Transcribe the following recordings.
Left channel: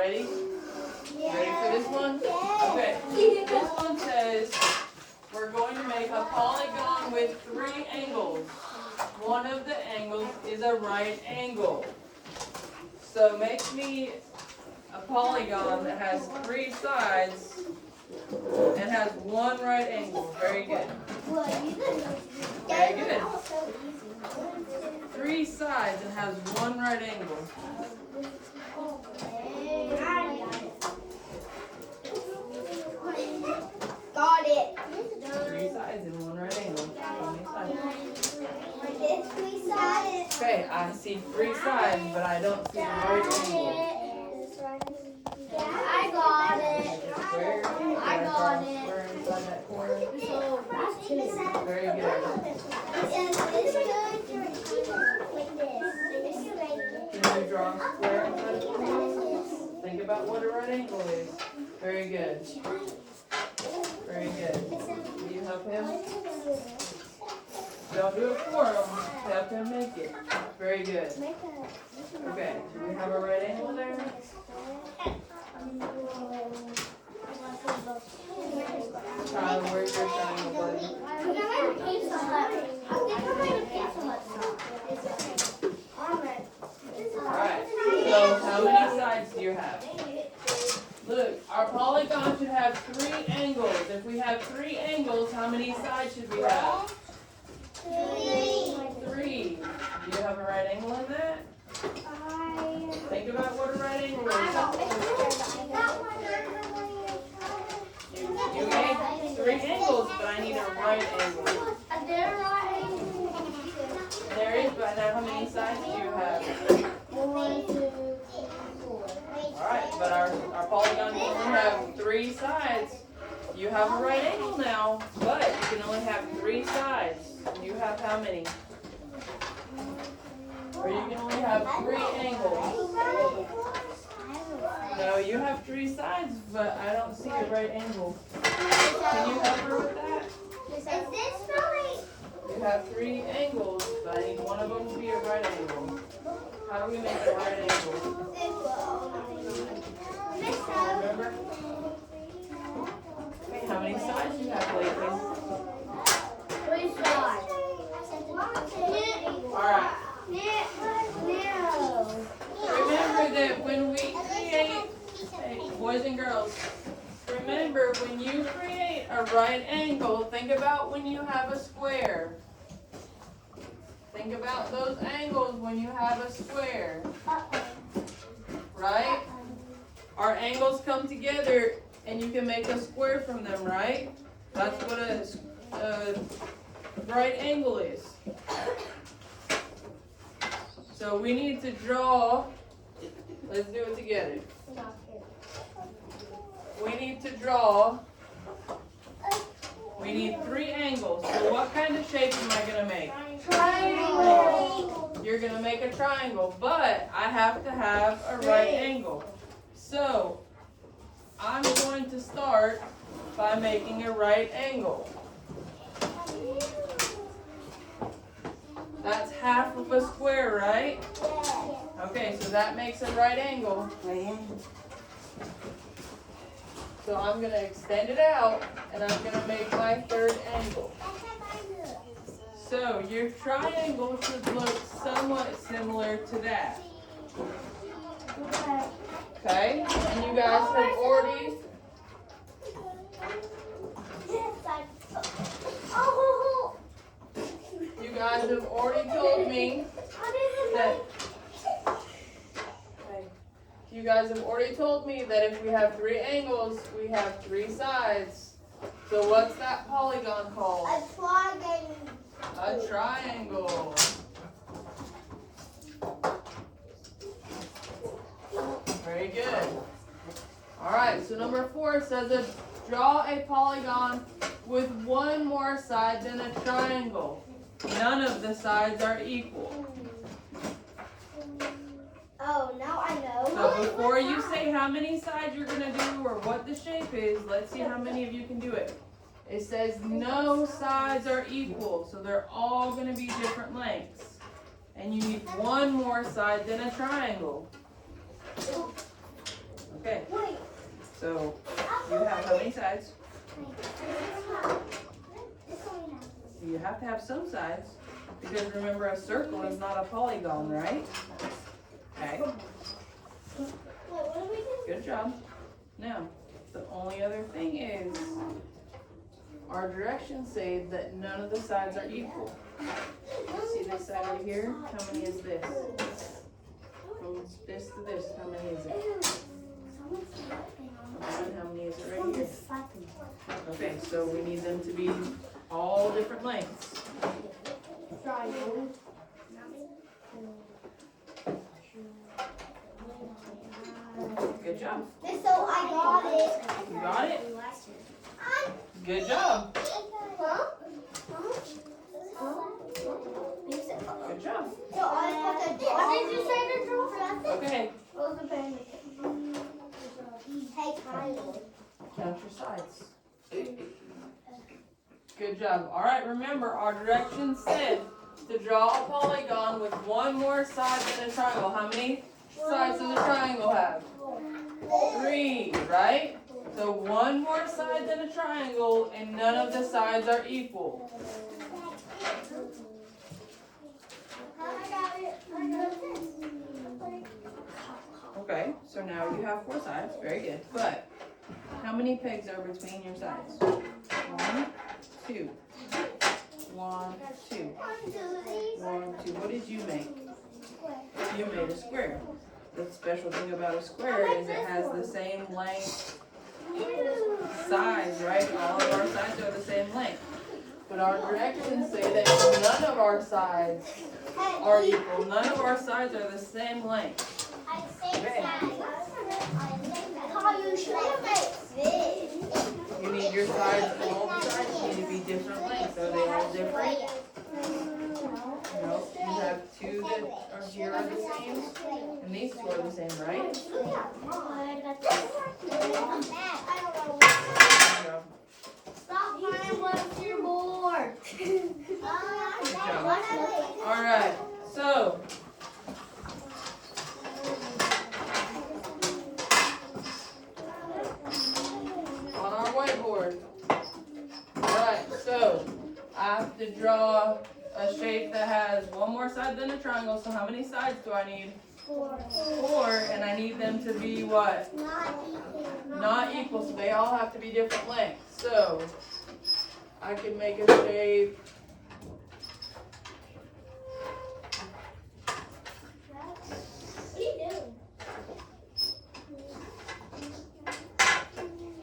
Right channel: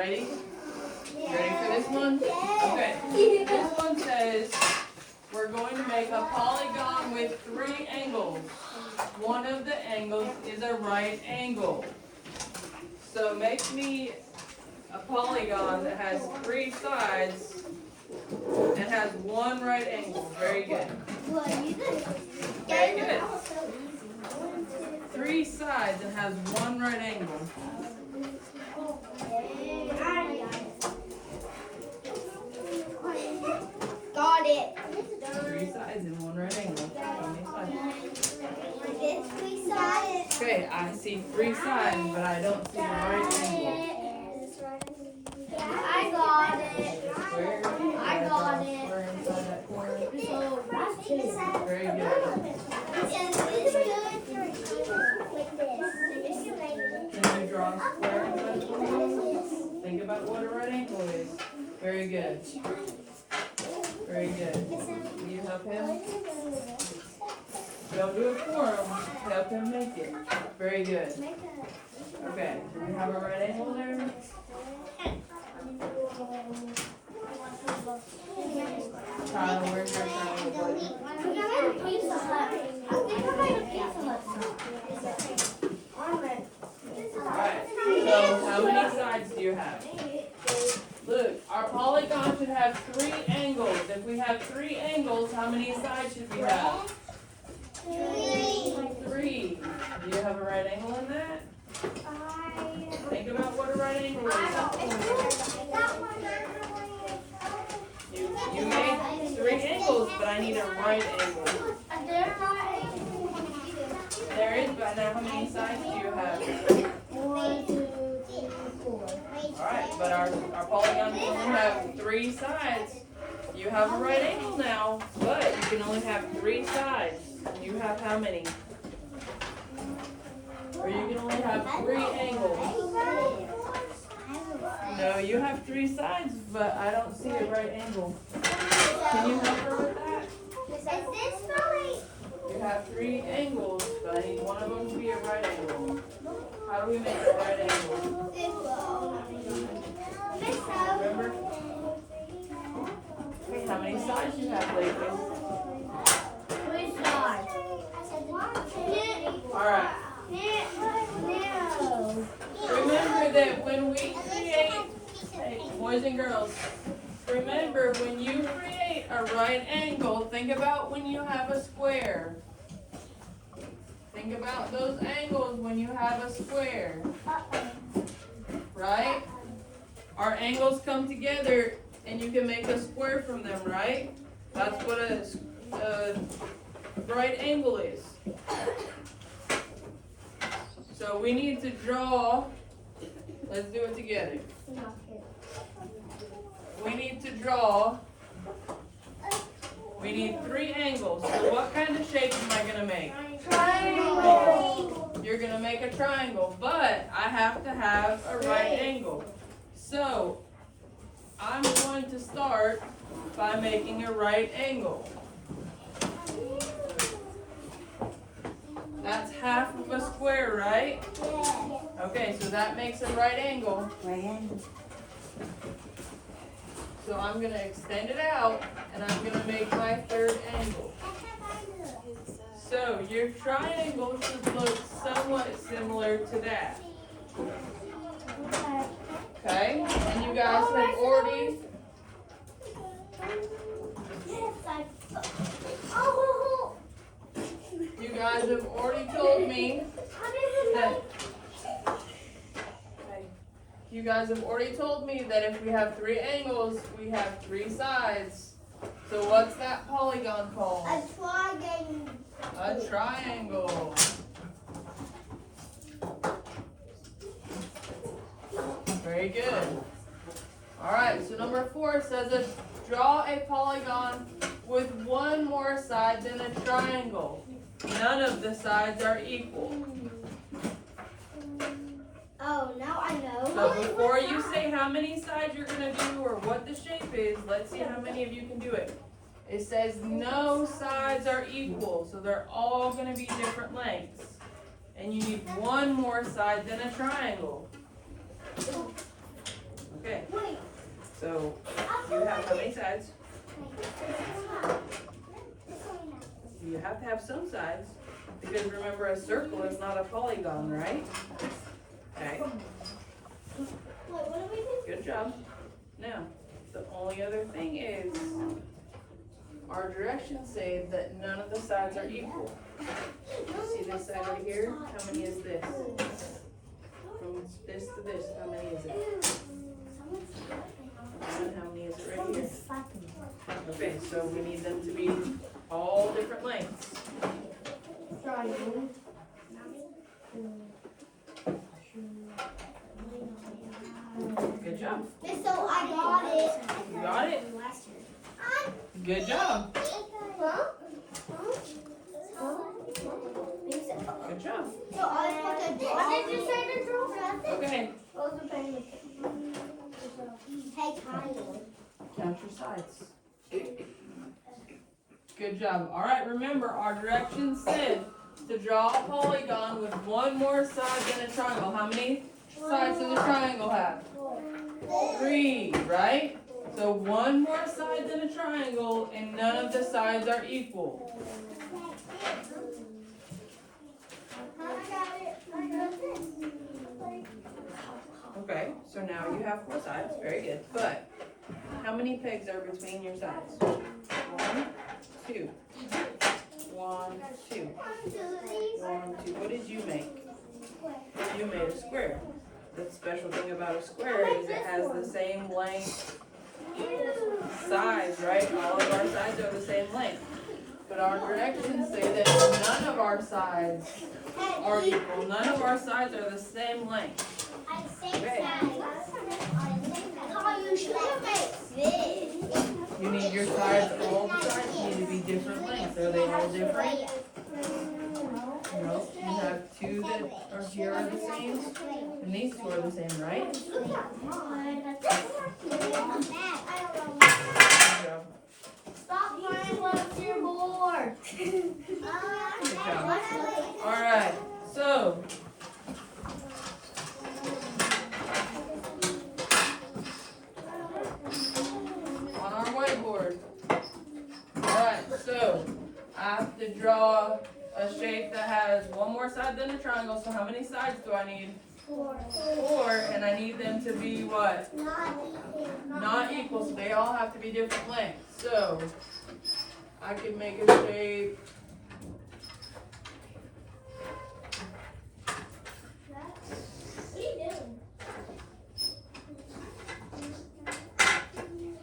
Ready? Ready for this one? Okay. This one says we're going to make a polygon with 3 angles. One of the angles is a right angle. So make me a polygon that has 3 sides and has 1 right angle. Very good. Very good. 3 sides and has 1 right angle. Got it. 3 sides and 1 right angle. Sides. Okay, I see 3 sides, but I don't see the right angle. I got it. Square. I got it. Square inside that corner. So that's 2. Very good. Can you draw a square inside the corner? Think about what a right angle is. Very good. Very good. Do you help him? Don't do it for him. Help him make it. Very good. Okay. Do we have a right angle there? Child, where's your triangle, buddy? Alright. So how many sides do you have? Look, our polygon should have 3 angles. If we have 3 angles, how many sides should we have? 3. Do you have a right angle in that? Think about what a right angle is. You made 3 angles, but I need a right angle. There is, but now how many sides do you have? 1, 2, 3, 4. Alright, but our polygon can only have 3 sides. You have a right angle now, but you can only have 3 sides. You have how many? Or you can only have 3 angles. No, you have 3 sides, but I don't see a right angle. Can you help her with that? Is this right? You have 3 angles, but I need one of them to be a right angle. How do we make a right angle? Remember? How many sides do you have, Blakely? Alright. Remember that when we create, hey, boys and girls, remember when you create a right angle, think about when you have a square. Think about those angles when you have a square. Right? Our angles come together and you can make a square from them, right? That's what a right angle is. So we need to draw, let's do it together. We need to draw, we need 3 angles. So what kind of shape am I going to make? Triangle. You're going to make a triangle, but I have to have a right angle. So I'm going to start by making a right angle. That's half of a square, right? Okay, so that makes a right angle. So I'm going to extend it out, and I'm going to make my 3rd angle. So your triangle should look somewhat similar to that. Okay? And you guys have already... You guys have already told me that... You guys have already told me that if we have 3 angles, we have 3 sides. So what's that polygon called? A triangle. A triangle. Very good. Alright, so number 4 says draw a polygon with 1 more side than a triangle. None of the sides are equal. Oh, now I know. So before you say how many sides you're going to do or what the shape is, let's see how many of you can do it. It says no sides are equal, so they're all going to be different lengths. And you need 1 more side than a triangle. Okay, so you have how many sides? You have to have some sides, because remember a circle is not a polygon, right? Okay, good job. Now, the only other thing is, our directions say that none of the sides are equal. See this side right here? How many is this? From this to this, how many is it? And how many is it right here? Okay, so we need them to be all different lengths. Good job. So I got it. You got it? Good job. Good job. So I was supposed to. What did you say to draw for nothing? Okay, Hey, Kyle. count your sides. Good job. All right, remember our directions said to draw a polygon with one more side than a triangle. How many sides does a triangle have? 3, right? So one more side than a triangle, and none of the sides are equal. Okay, so now you have 4 sides. Very good. But how many pegs are between your sides? 1, 2. 1, 2. 1, 2. What did you make? You made a square. The special thing about a square is it has the same length sides, right? All of our sides are the same length. But our directions say that none of our sides are equal. None of our sides are the same length. Okay. You need your sides, both sides need to be different lengths. Are they all different? No, you have 2 that are here are the same, and these 2 are the same, right? Good job. Stop trying once you're bored. Good job. All right, so on our whiteboard. All right, so I have to draw a shape that has one more side than a triangle. So how many sides do I need? 4, and I need them to be what? Not equal, so they all have to be different lengths. So I can make a shape. What are you doing?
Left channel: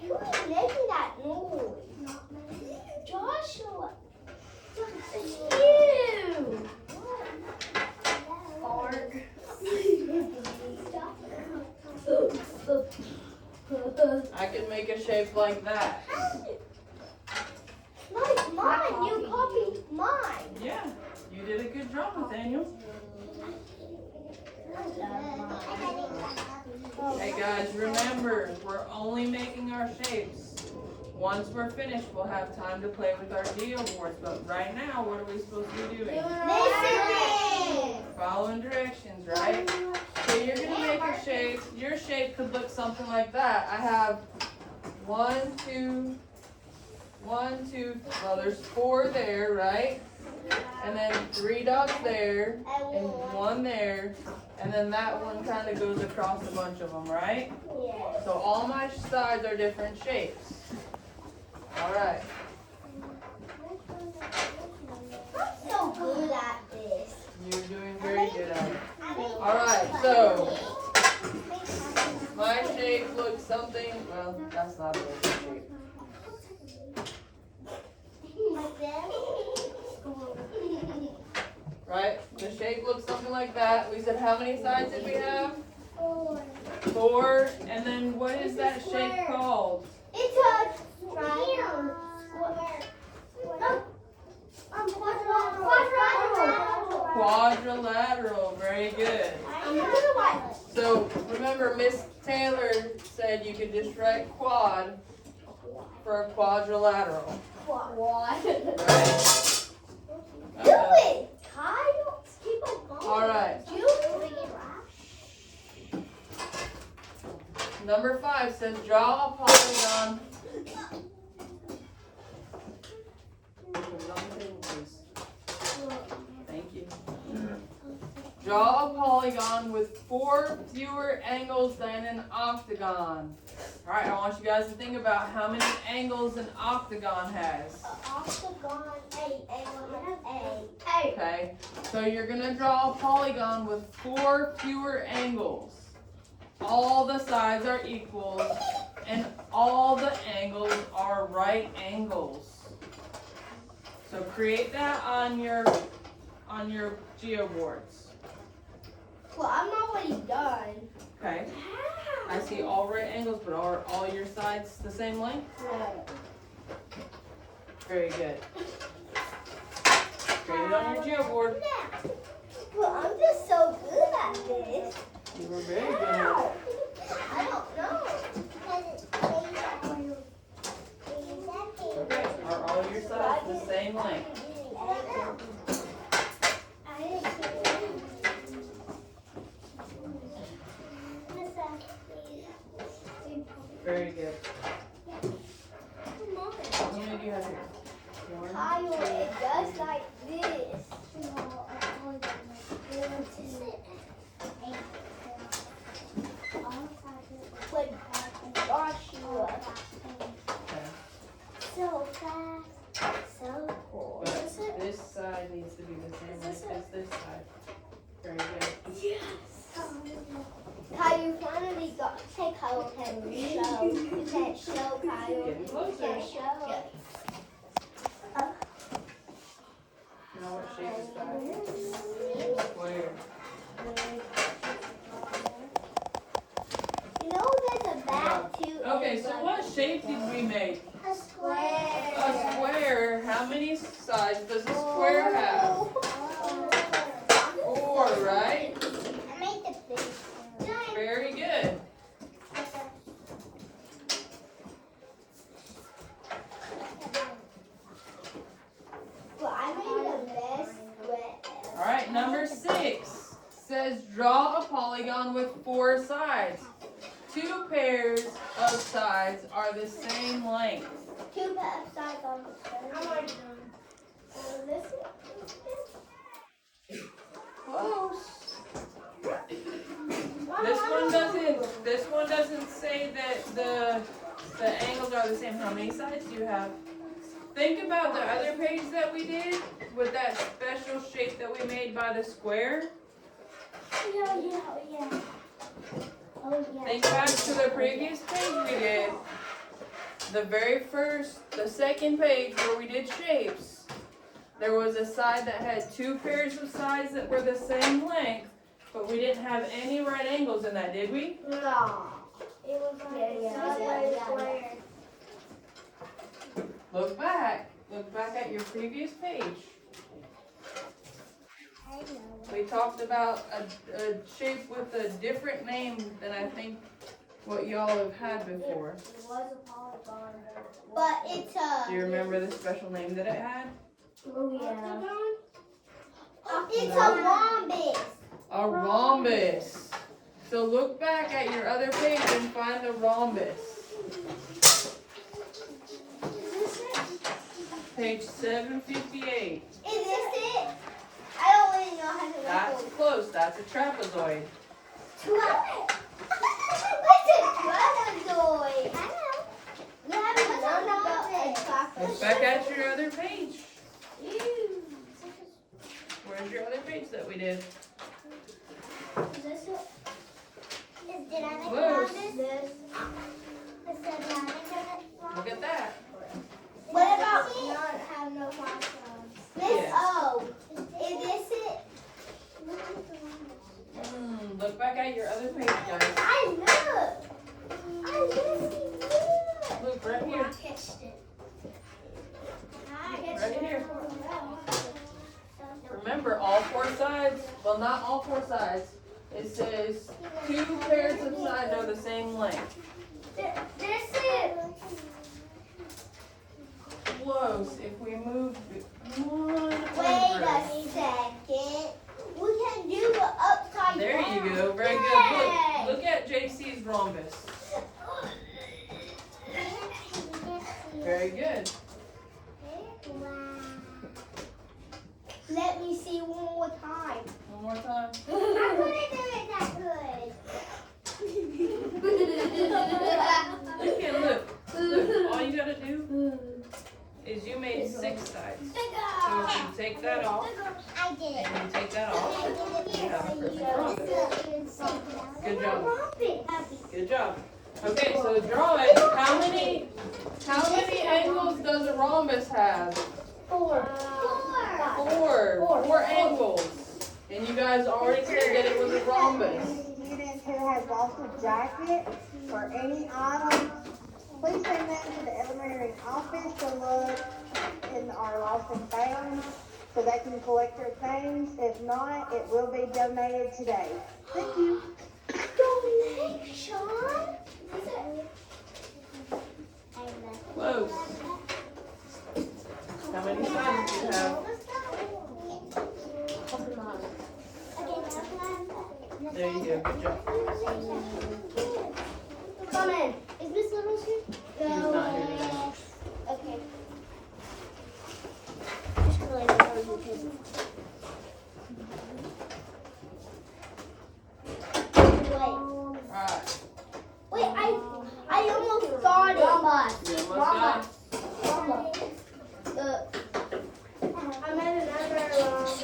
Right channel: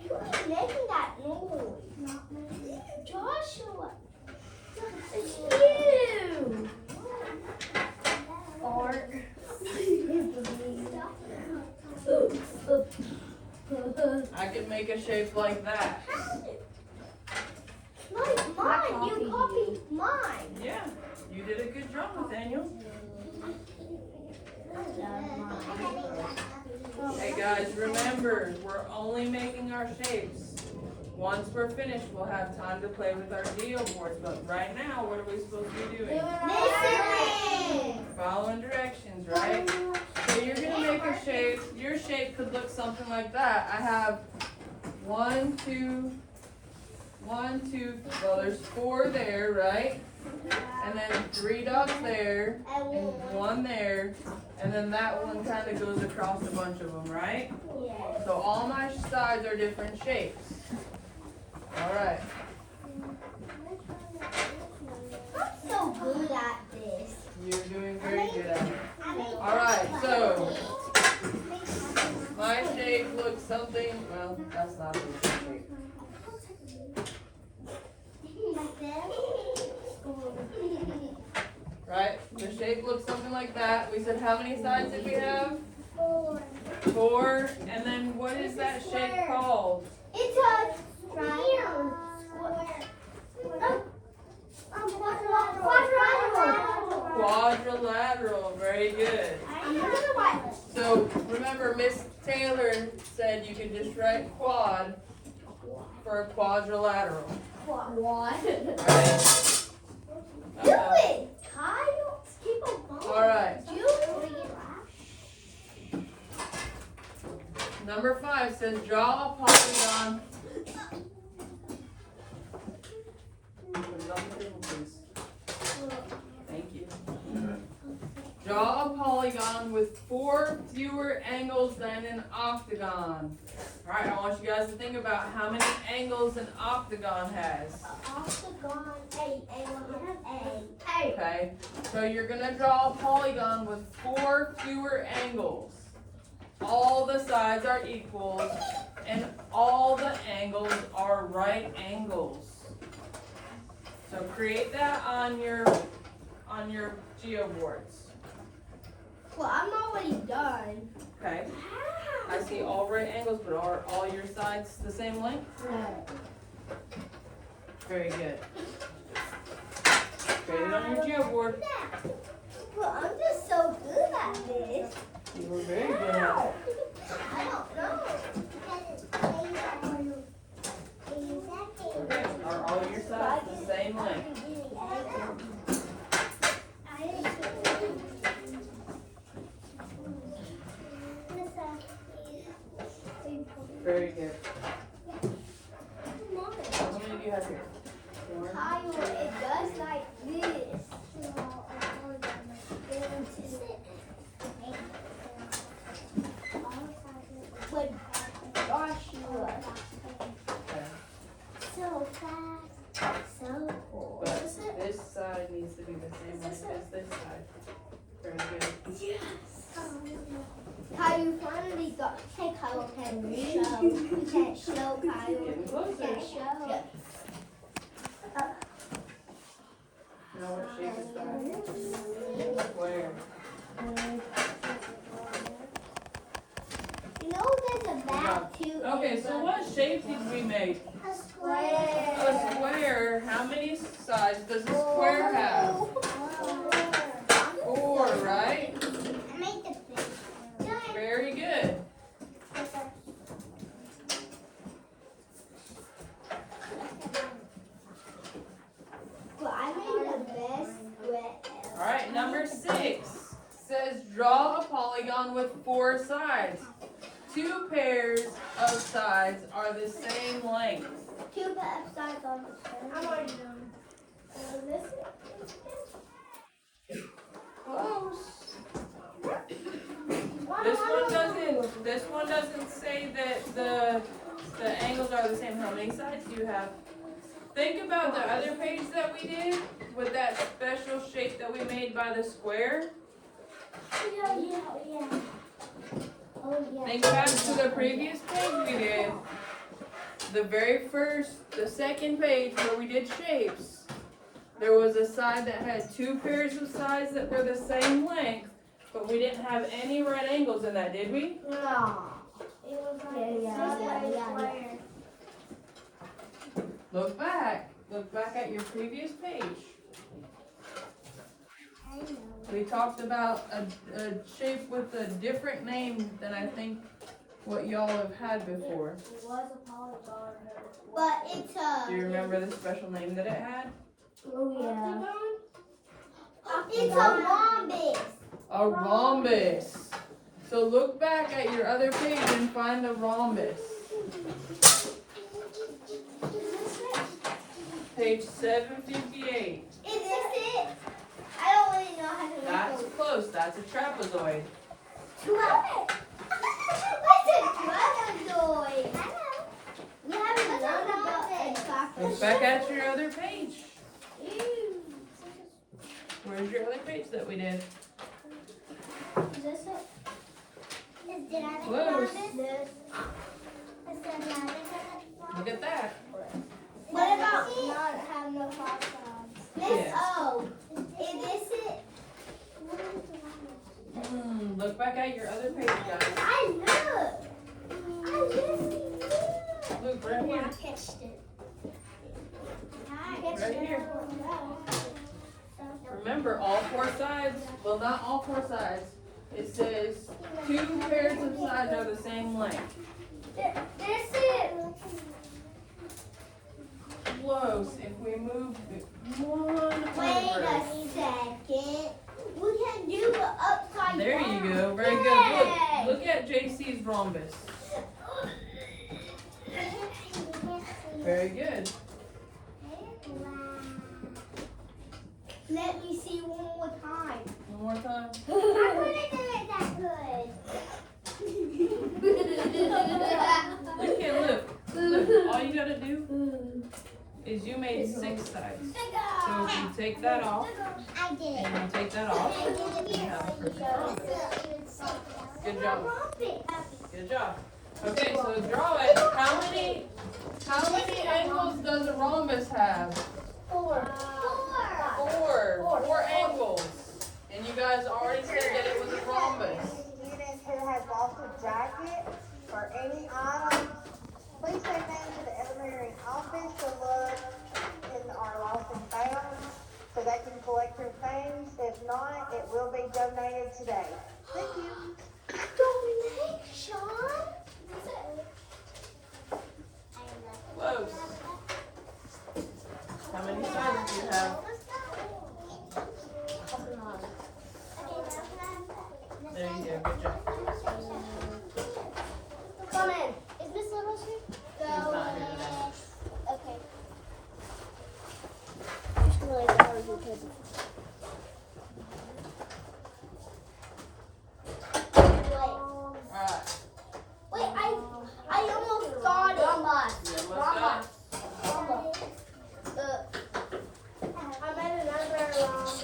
Who is making that noise? Not me. Joshua. It's you. Fart. I can make a shape like that. No, it's mine. You copied mine. Yeah, you did a good job, Nathaniel. Hey guys, remember, we're only making our shapes. Once we're finished, we'll have time to play with our geo boards. But right now, what are we supposed to be doing? Listening. Following directions, right? So you're gonna make a shape. Your shape could look something like that. I have 1, 2, 1, 2. Well, there's 4 there, right? And then 3 dots there, and 1 there, and then that one kind of goes across a bunch of them, right? Yeah. So all my sides are different shapes. All right. I'm so good at this. You're doing very good at it. All right. So my shape looks something. Well, that's not a good shape. Right? The shape looks something like that. We said how many sides did we have? 4. And then what is that shape called? It's a triangle. Quadrilateral. Quadrilateral. Very good. So remember, Miss Taylor said you could just write quad for a quadrilateral. What? Right? Do it, Kyle. Keep on going. All right. Do it. Number 5 says draw a polygon. Put it on the table, please. Thank you. Draw a polygon with 4 fewer angles than an octagon. Alright, I want you guys to think about how many angles an octagon has. Octagon, 8, A. Okay, so you're gonna draw a polygon with 4 fewer angles. All the sides are equal, and all the angles are right angles. So create that on your geo boards. Well, I'm already done. Okay, I see all right angles, but are all your sides the same length? Very good. Create it on your geo board. Well, I'm just so good at this. You were very good at it. I don't know. Okay, are all your sides the same length? Very good. How many do you have here? Kyle, it does like this. Like, wash you up. Okay. So fast, so cool. But this side needs to be the same length as this side. Very good. Yes. Kyle, you finally got. Hey, Kyle, can you show? You can't show, Kyle. Getting You closer. can't show. You know what shape is that? Square. You know there's a bag too. Okay, so what shape did we make? A square. A square. How many sides does a square have? 4, right? I made the fish. Very good. Well, I made the best square. Alright, number 6 says draw a polygon with 4 sides. 2 pairs of sides are the same length. Two sides on the square. I'm already done. Close. This one doesn't say that the angles are the same. How many sides do you have? Think about the other page that we did with that special shape that we made by the square. Yeah. Oh, yeah. Think back to the previous page we did. The second page where we did shapes. There was a side that had 2 pairs of sides that were the same length, but we didn't have any right angles in that, did we? No. It was square. Look back at your previous page. We talked about a shape with a different name than I think what y'all have had before. But it's a. Do you remember the special name that it had? Oh yeah. It's a rhombus. A rhombus. So look back at your other page and find a rhombus. Page 758. Is this it? I don't really know how to. That's close. That's a trapezoid. What's a trapezoid? You haven't learned about it. Look back at your other page. Where's your other page that we did? Is this what? Did I make Close. this? Look at that. What about not have no problems? This Yes. O. Is this it? Look back at your other page, guys. I know. Look right here. I catched it. Right here. Remember, all 4 sides, well, not all 4 sides. It says 2 pairs of sides are the same length. This is. Close. If we move it 1 Wait over. a second. We can do the upside There down. you go. Very good. Look at JC's rhombus. Very good. Wow. Let me see one more time. One more time. I couldn't do it that good. You can look. Look. All you gotta do is you made 6 sides. So if you take that off I did. and you take that off, you have a perfect rhombus. Good job. Good job. Okay, so draw it. How many angles does a rhombus have? 4. 4 angles. And you guys already said that it was a rhombus. Students who has lost a jacket or any item, please send them to the elementary office to look in our lost and found so they can collect their things. If not, it will be donated today. Thank you. Donation? Close. How many sides do you have? There you go. Good job. Come in. Is Miss Littles here? She's not here today. Okay. Just really know you can. Alright. Wait, I almost got it. You almost got it? I made another rhombus.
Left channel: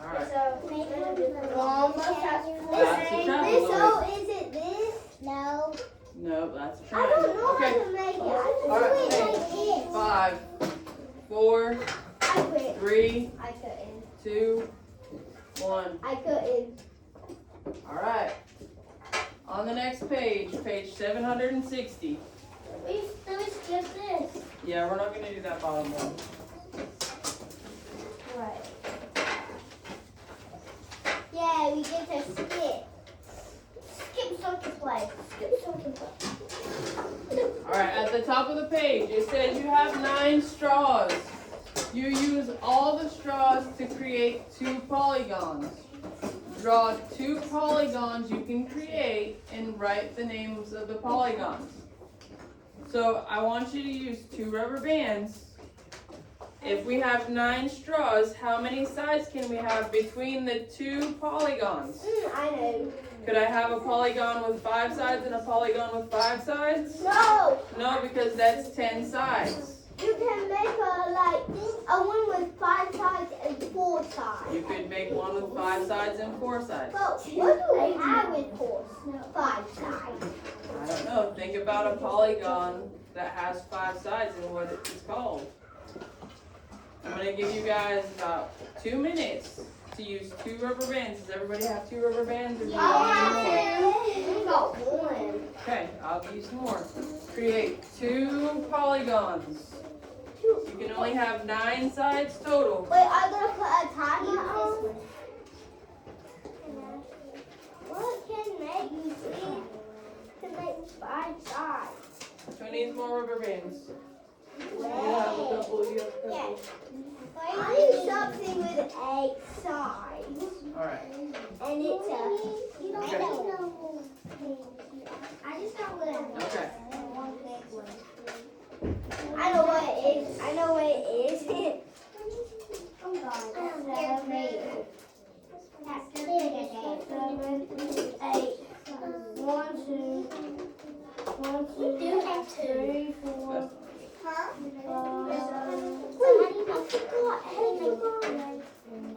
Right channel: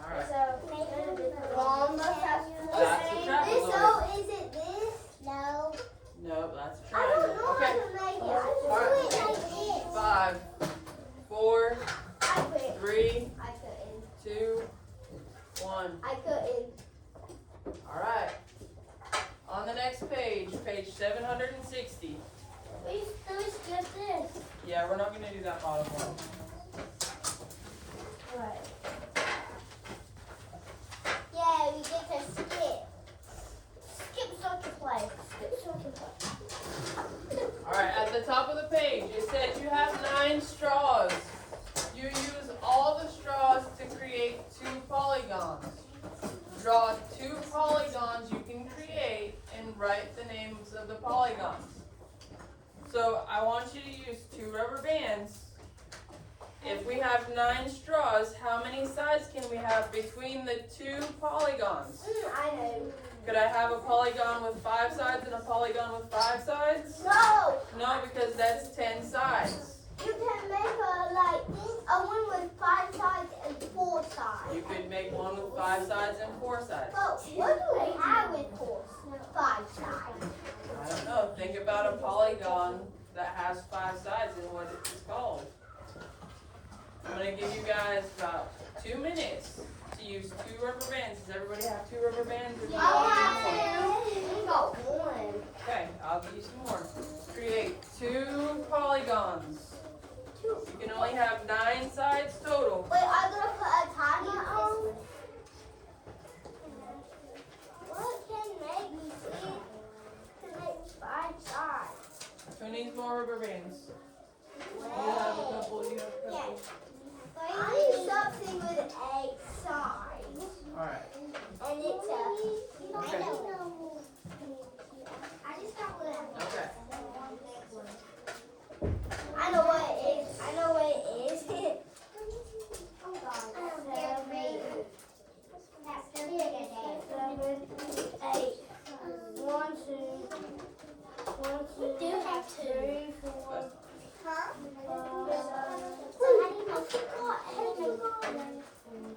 Alright. So, rhombus has That's a triangle. So, is it this? No. No, that's a I don't triangle. know Okay. how to make it. I Alright, just do it like this. 5, 4, I couldn't. 3, I couldn't. 2, 1. I couldn't. Alright. On the next page, page 760. We just this. Yeah, we're not going to do that bottom one. Right. Yeah, we get to skip. Skip something play. Skip something play. Alright, at the top of the page, it says you have 9 straws. You use all the straws to create 2 polygons. Draw 2 polygons you can create and write the names of the polygons. So I want you to use 2 rubber bands. If we have 9 straws, how many sides can we have between the 2 polygons? I know. Could I have a polygon with 5 sides and a polygon with 5 sides? No, No, because that's 10 sides. you can make a one with 5 sides and 4 sides. You could make one with 5 sides and 4 sides. But what do they have with 5 sides? I don't know. Think about a polygon that has 5 sides and what it's called. I'm going to give you guys about 2 minutes to use 2 rubber bands. Does everybody have 2 rubber bands? Or do you want more? I got 1. Okay, I'll give you some more. Create 2 polygons. You can only have 9 sides total. Wait, I'm gonna put a tiny on. What can make me see to make 5 sides? Who needs more rubber bands? You have a couple. You have a couple. I need something with 8 sides. Alright. And it's a. Okay. I just don't want to. Okay. I know what it is. I know what it is.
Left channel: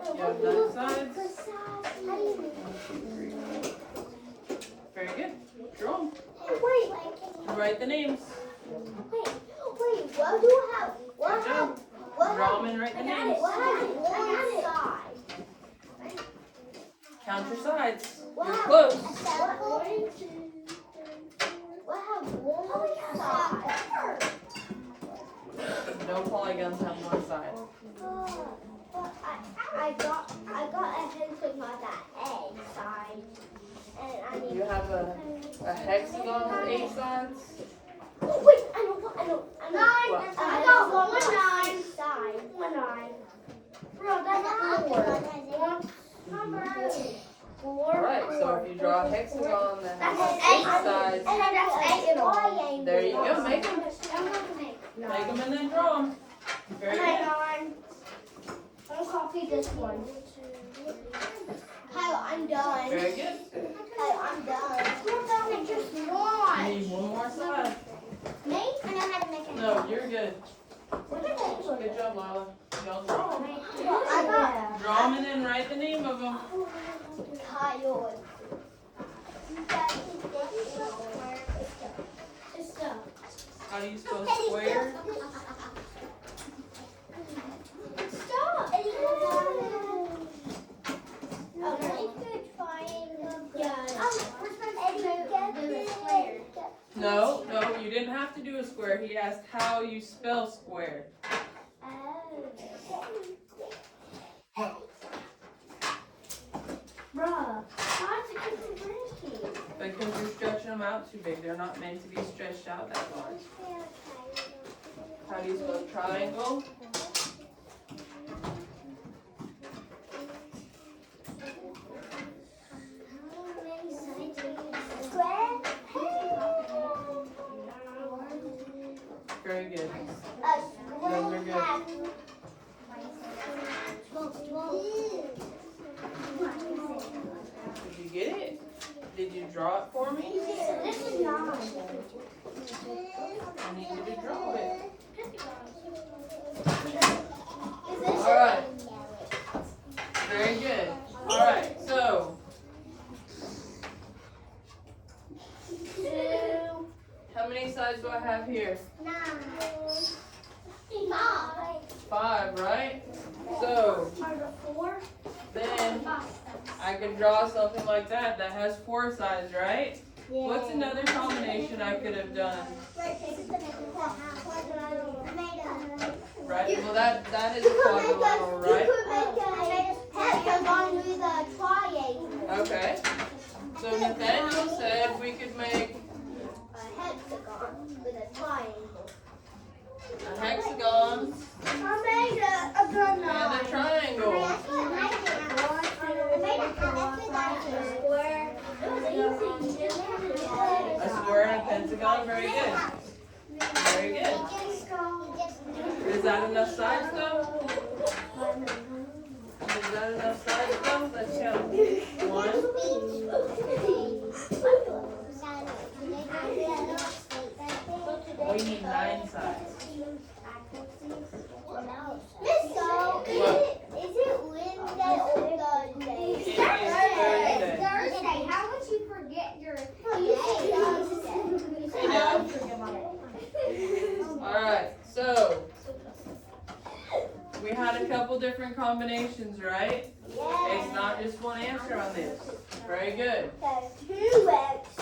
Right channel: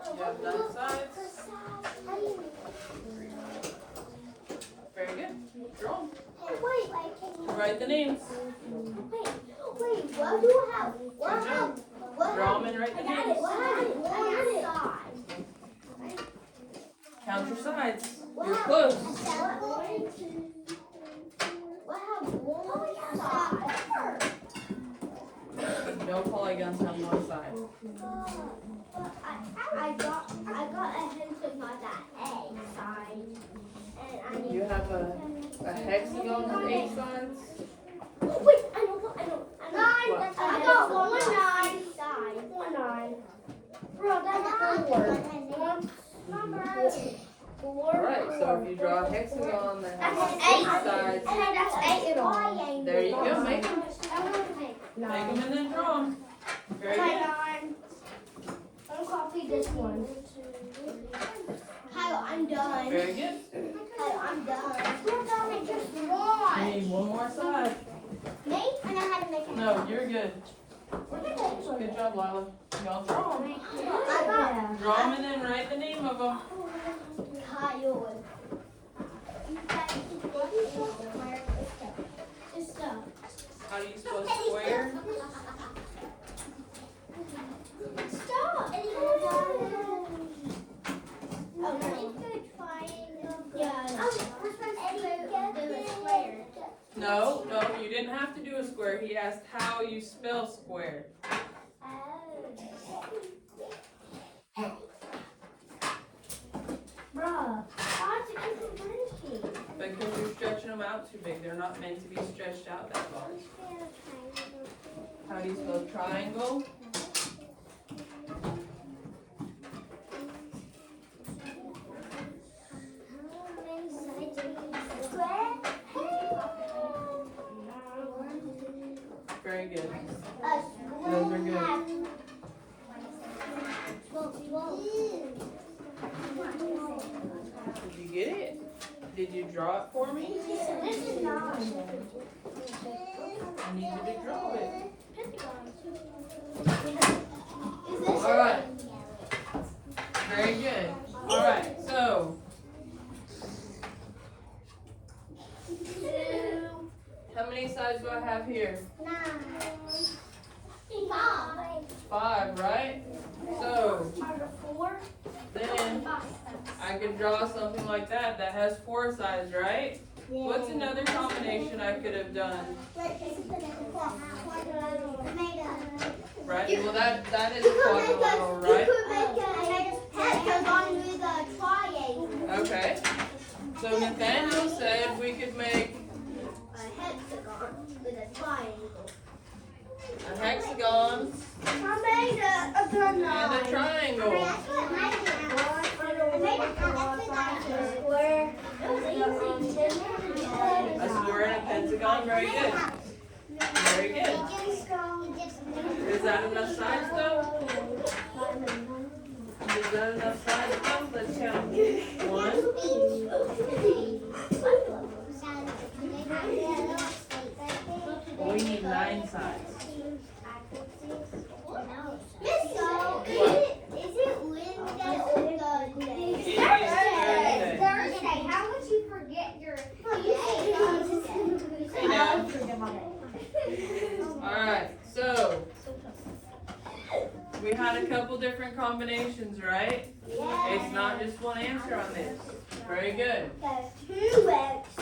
You have 9 sides. Very good. Draw 'em. Write the names. Wait, what do I have? What Good job. have? What Draw have? them and write the I got it. names. What have? I got it. Count your sides. You're close. What have one side? No polygons on one side. I got a hint of my that egg side. And I need. You have a hexagon with 8 sides. Wait, I know. 9. What? I got 1 9. 1 9. Bro, that's 4. 4. Alright, so if you draw a hexagon that has That's 8 8. sides, And then that's 8 in all. There you go, make them. I want to make Make them and then draw them. Very good. I'll copy this one. Kyle, I'm done. Very good. Kyle, I'm done. We're done in just You one. need one more side. Me? I know how to make it. No, you're good. Good job, Lila. Y'all draw them. I got Draw them and then write the name of them. Kyle. How do you spell square? Stop. No, you didn't have to do a square. He asked how you spell square. Bruh, why'd you keep them breaking? Because you're stretching them out too big. They're not meant to be stretched out that large. How do you spell triangle? Very good. Those are good. Did you get it? Did you draw it for me? This is not. I need you to draw it. Alright. Very good. Alright, so how many sides do I have here? 5, right? So then I can draw something like that that has 4 sides, right? What's another combination I could have done? Right? Well, that is a quadrilateral, right? Okay. So Nathaniel said we could make a hexagon and a triangle. A square and a pentagon, very good. Very good. Is that enough sides though? Is that enough sides though? Let's count. 1. We need 9 sides. Thursday. How would you forget your Alright, so we had a couple different combinations, right? It's not just one answer on this. Very good.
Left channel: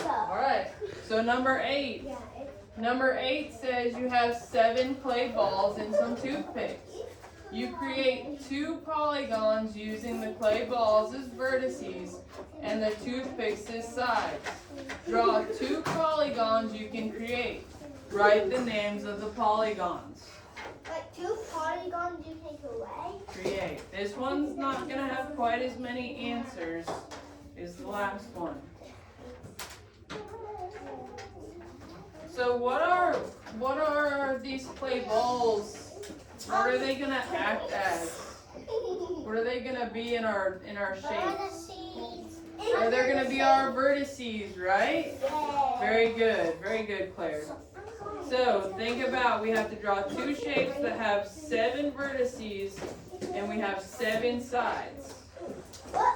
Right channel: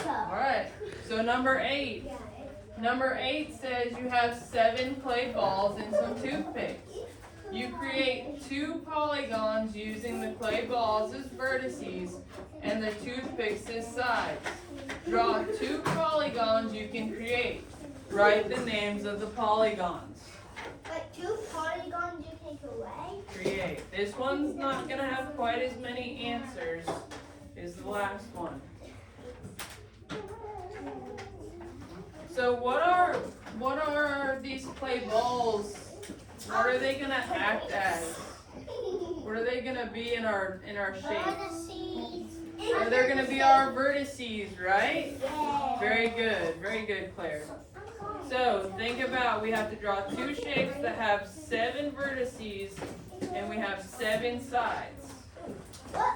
Alright, so number 8. Number 8 says you have 7 clay balls and some toothpicks. You create 2 polygons using the clay balls as vertices and the toothpicks as sides. Draw 2 polygons you can create. Write the names of the polygons. But 2 polygons you take away? Create. This one's not going to have quite as many answers as the last one. So what are these clay balls? What are they gonna act as? What are they gonna be in our shape? Or they're gonna be our vertices, right? Very good, Claire. So think about, we have to draw 2 shapes that have 7 vertices and we have 7 sides.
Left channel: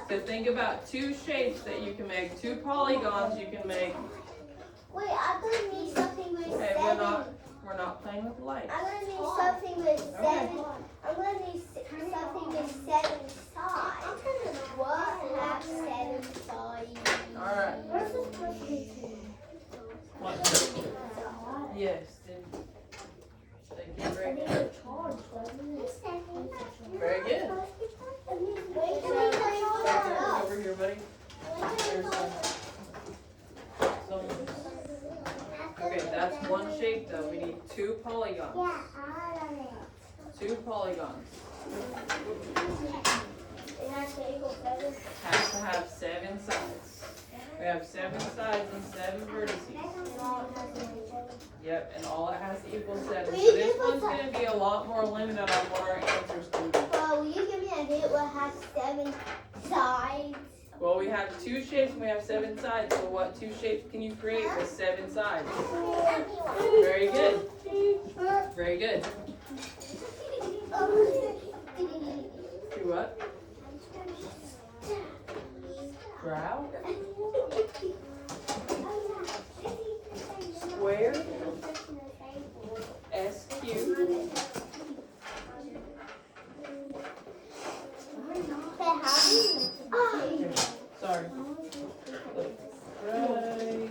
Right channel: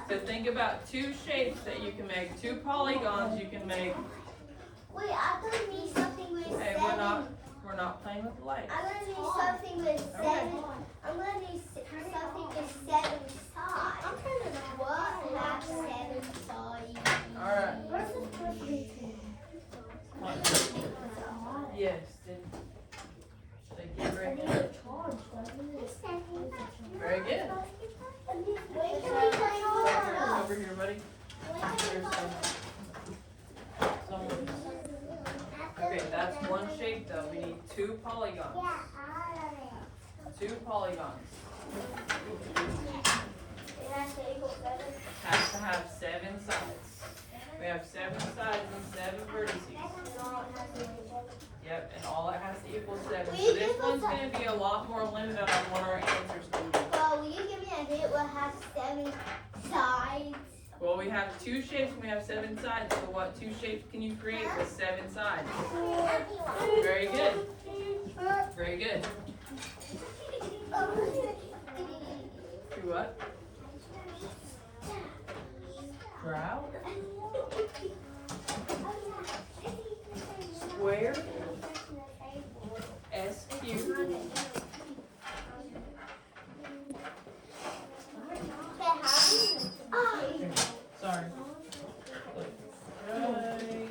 So think about 2 shapes that you can make, 2 polygons you can make. Wait, I'm gonna need something with Okay, 7. we're not playing with the lights. I'm gonna need something with 7. I'm gonna need something with 7 sides. What have 7 sides? Alright. Yes, they get ready. Very good. Wait, can we play all Over here, buddy. There's some. Okay, that's 1 shape though. We need 2 polygons. 2 polygons. It has to equal 7. Has to have 7 sides. We have 7 sides and 7 vertices. Yep, and all it has to equal 7. So this one's going to be a lot more limited on what our answers can be. Will you give me a hint what has 7 sides? Well, we have 2 shapes and we have 7 sides. So what 2 shapes can you create with 7 sides? Very good. Very good. Do what? Brow? Square? SQ? Sorry. Look. Right.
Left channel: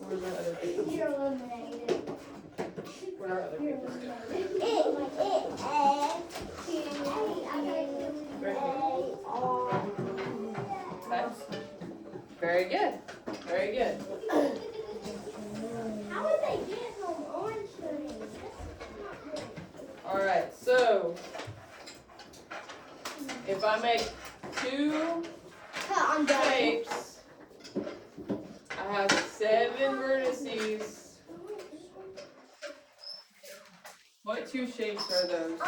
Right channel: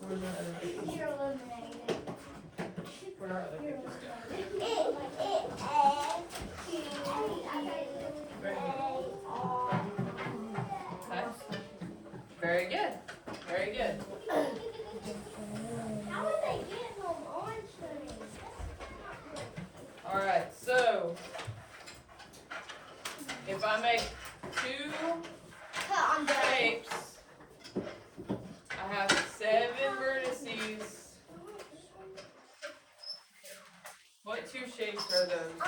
Where's the other picture? You're eliminated. Where are the pictures? Okay. Very good. Very good. How would they get from orange trees? Alright, so if I make 2 I'm done. shapes, I have 7 vertices. What 2 shapes are those?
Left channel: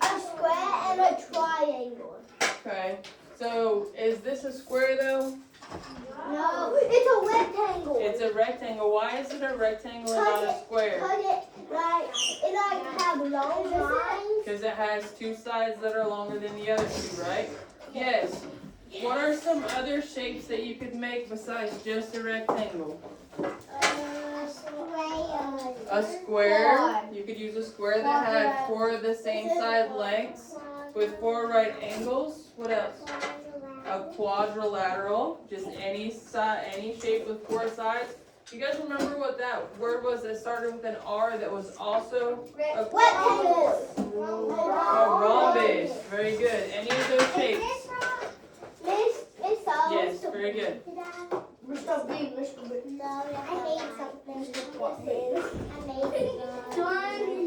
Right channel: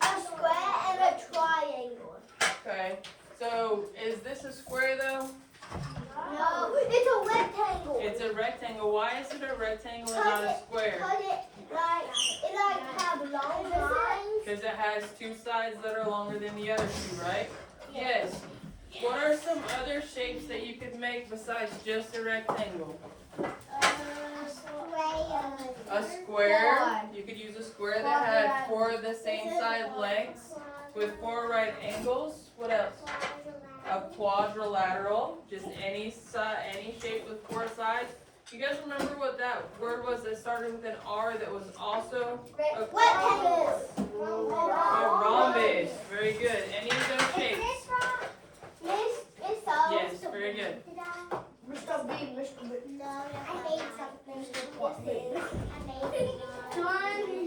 A square and a triangle. Okay, so is this a square though? No, it's a rectangle. It's a rectangle. Why is it a rectangle and not a square? Because it have long lines. Because it has 2 sides that are longer than the other 2, right? Yes. What are some other shapes that you could make besides just a rectangle? A square. You could use a square that had 4 of the same side lengths with 4 right angles. What else? A quadrilateral. Just any side, any shape with 4 sides. You guys remember what that word was that started with an R that was also a Rectangle. rhombus? Very good. Any of those shapes? Yes, very good. Mr. B, Mr. B. No, I made something. I made it.